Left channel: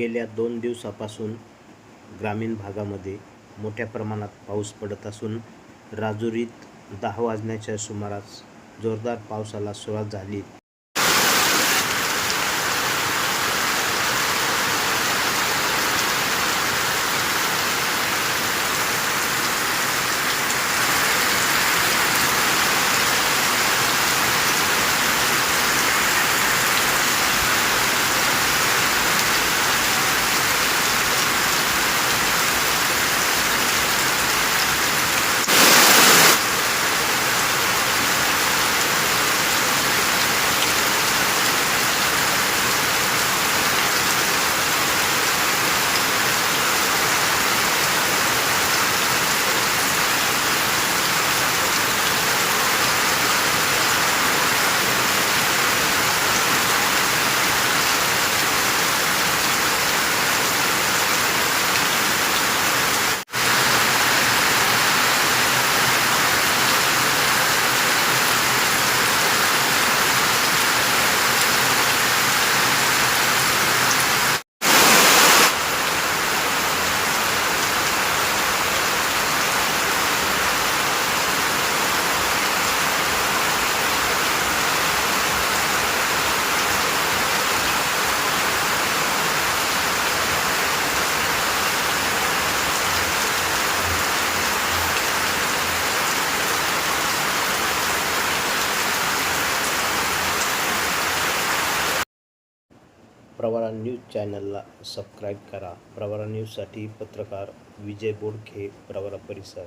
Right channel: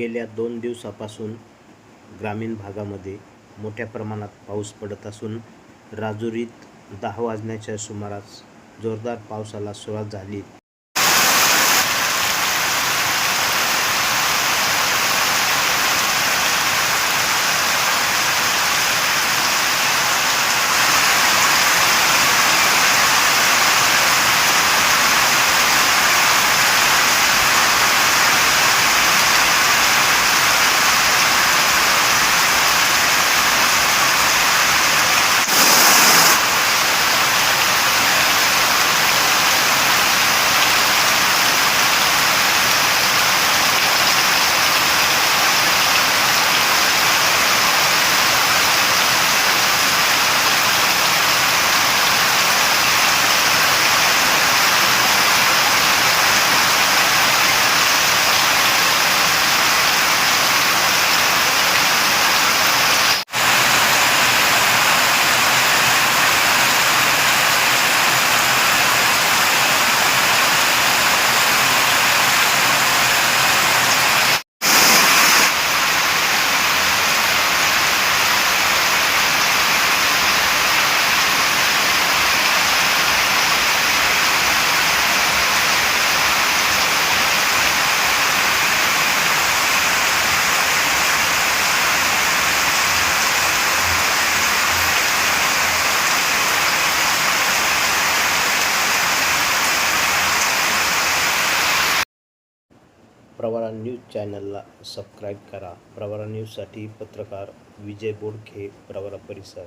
गेल्या दोन दिवसापासून ग्रामीण भागामध्ये मोठ्या प्रमाणात पाऊस पडत असून राजुरीत दहा वाजण्याच्या सुमारास जोरदार पावसाला सुरुवात झाली. प्रवरा न्यूज चॅनलला सबस्क्राईब करा. प्रवरा न्यूजसाठी पत्रकार विजय बोडखे प्रवरा परिसर.